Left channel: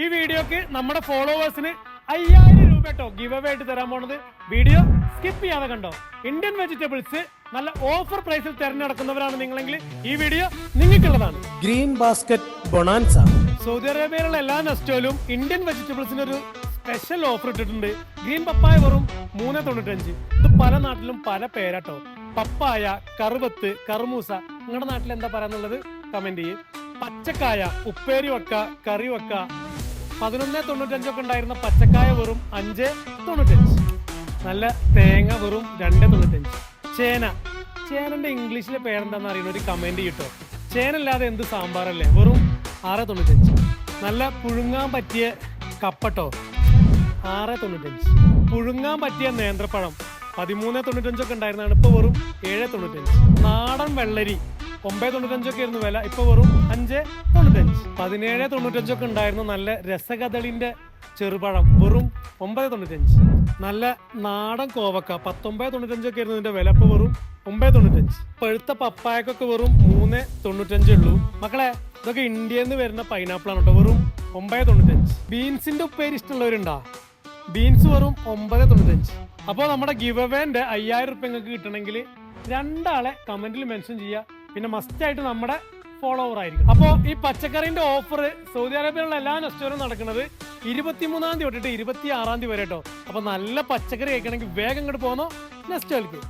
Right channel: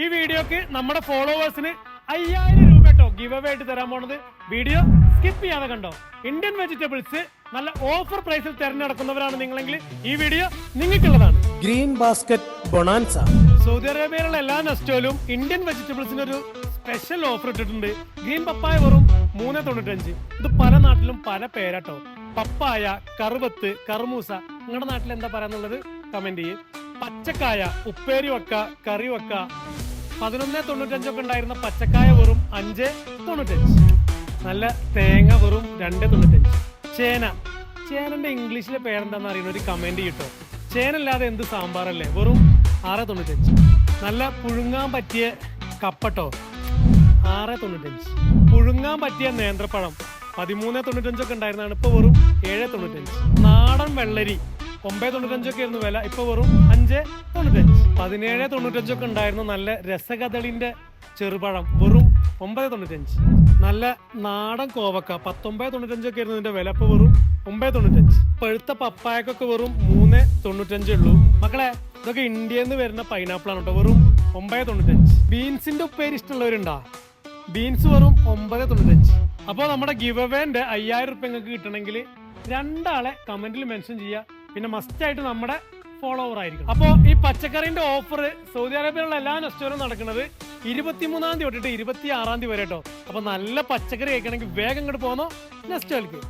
ഈ വീഡിയോക്ക് നമ്മുടെ ഫോളോവേഴ്സിന് 5000 രൂപ കേട്ടോ ഗിവ് അവേ ആയിട്ട് തരാൻ പോണത്. വീഡിയോ സ്കിപ്പ് ചെയ്യാതെ കണ്ടോ. ഇന്ത്യൻ വെജിറ്റബിൾസ് നല്ല ഓഫർ പ്രൈസിൽ തിരഞ്ഞെടുക്കുന്നവരാണ് നിങ്ങളെങ്കിൽ ഈ വീഡിയോ നിങ്ങൾക്കുള്ളതാണ്. Green basket bonanza. സൗദി അറേബ്യയിലുള്ള എല്ലാ നെസ്റ്റോയിലും ഇന്ത്യൻ വെജിറ്റബിൾസിന് ഒരു സ്പെഷ്യൽ ഓഫർ ഇട്ടിട്ടുണ്ട്. ഗ്രീൻ പപ്പായ വെറും 3.95. ഇത് പല നാട്ടിലും പല പേരാട്ടോ. പപ്പായ, കറുവത്ത്, കറുമൂസ, നിങ്ങളുടെ നാട്ടിൽ എന്താ പറയാന്നുള്ളത് കമന്റ് ചെയ്യും. പച്ചക്കായ ഉപ്പേരി വെക്ക, കറി വെക്ക. 11.95 ഒക്കെ ഉണ്ടായിരുന്ന പച്ചക്കായ വെറും 5.95. നല്ല തേങ്ങ വെറും 2.95. ചേനന്റെ ഇംഗ്ലീഷിലെ പേരെന്താന്ന് അറിയുന്ന ഒരു കമന്റ് കിട്ടോ. ചേനല്ലാതെ എന്ത് സാമ്പാറല്ലേ, വെറും 6.95. നല്ല പുഴുങ്ങാൻ പറ്റിയ കപ്പട്ടോ 6.95. പുഴുങ്ങാൻ പറ്റിയ നേന്ത്രപ്പഴം 13.95 ഒക്കെ ഉണ്ടായിരുന്നതാണ്, ഇപ്പൊ വെറും 7.95. നാടൻ വെള്ളരി 9.95 ഒക്കെ ആയിരുന്നു വില, ഇപ്പൊ വെറും 5.95. 17.95 ഒക്കെ ഉണ്ടായിരുന്നു നല്ല രസകദളിന്റെ ചെറുപഴം, വെറും 9.95. നല്ല നാടൻ കോവക്ക 19.95 ഒക്കെ ആയിരുന്നു ഇതിന്റെ വില, ഇപ്പൊ വെറും 9.95. പഴുത്ത പപ്പായക്കൊക്കെ വെറും 3.95 ഉള്ളൂ. മക്കളെ, ഇതൊക്കെ ഇന്ത്യയിൽ നിന്ന് വരുന്ന പൈനാപ്പിൾ ആണ് കേട്ടോ, വെറും 9.95. ബീൻസിന്റെ ഉപ്പേരി ഇഷ്ടമുള്ളവരുണ്ടോ? ബീൻസ് വെറും 9.95. അപ്പോൾ നമ്മുടെ ഗിവ് അവേന്റെ 5000 റുപ്യ നിങ്ങൾക്ക് കിട്ടണമെങ്കിൽ 2 ആളെ കമന്റിൽ മെൻഷൻ ചെയ്യുക. പിന്നെ മസ്റ്റ് ആയിട്ട് നമ്മുടെ ഫോളോവർ ആയിരിക്കും. അപ്പോൾ ഈ പച്ചക്കറിന്റെ ഓഫർ സൗദി അറേബ്യയിലുള്ള എല്ലാ നെസ്റ്റോയിലും നടക്കുന്നത് 23-ാം തീയതി തൊട്ടിട്ട് 26-ാം തീയതി വരെ കേട്ടോ. അപ്പൊ നല്ല പച്ചക്കറി കഴിക്കണമെങ്കിൽ വേഗം ഇങ്ങോട്ട് പോന്നോ നെസ്റ്റോയിലേക്ക്.